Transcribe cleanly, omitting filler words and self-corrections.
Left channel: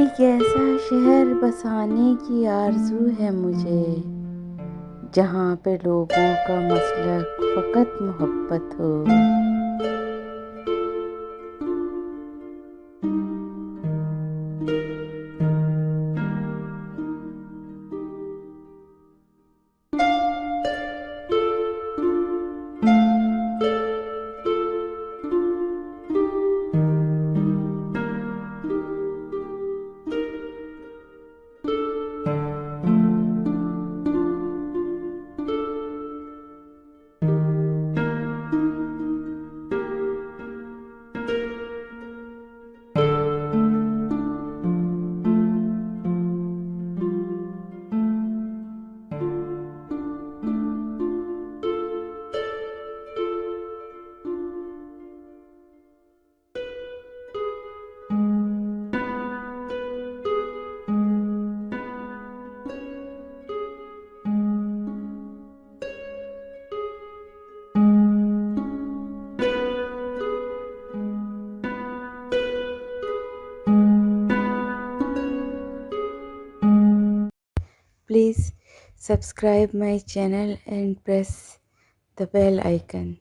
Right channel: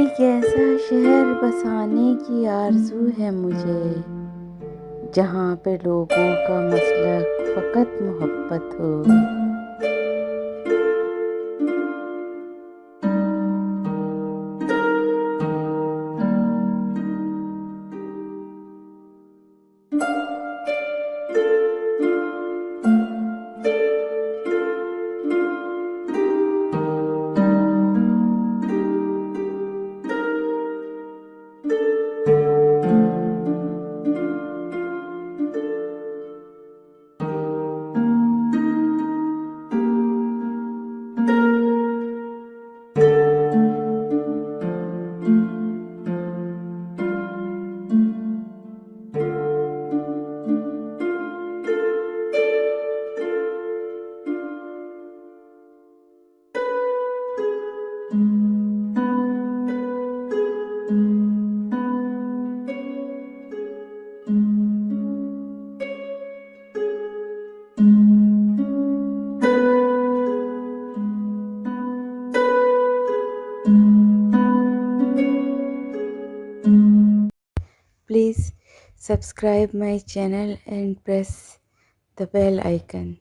एक ऐसा शहर बसाने की आरज़ू है मुझे, जहाँ पे लोगों का मसलक फ़कत मोहब्बत हो। Please subscribe my channel and press the bell icon.